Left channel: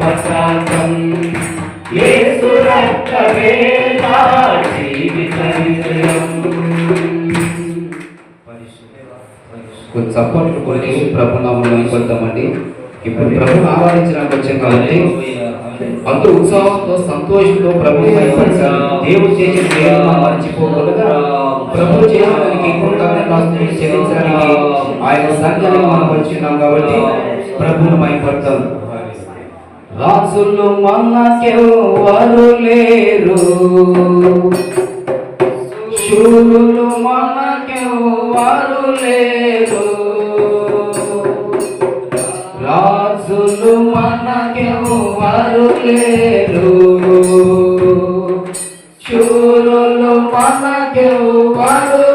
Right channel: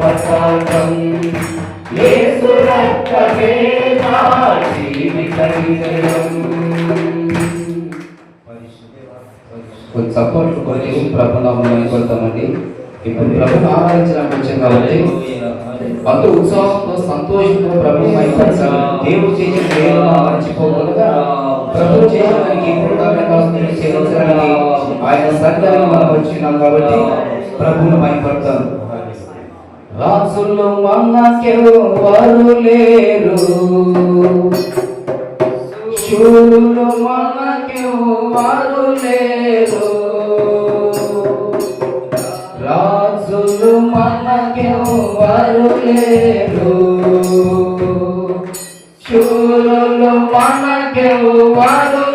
పతాకం యేసు రక్తమే నా జీవిత విజయం. కొంచెం సపోర్ట్ కొన్ని ప్రభు నామములో కొడతామండి. ఇప్పుడు ప్రభుని ఆరాధించడానికి వచ్చాం కాబట్టి అంత ఉత్సాహంతో సంతోషంతో ప్రభు దేవుడు చేసిన దేవుడు మర్చిపోకుండా ప్రభు చేయడానికి చెల్లించడానికి ఆయన సంఘాన్ని మనం వచ్చినాం కాబట్టి ప్రభుని మైపడతాం. రాజులు మనకెవరు లేరు, శూరులు మనకెవరు లేరు, రాజులు మనకెవరు లేరు, శూరులు మనకెవరు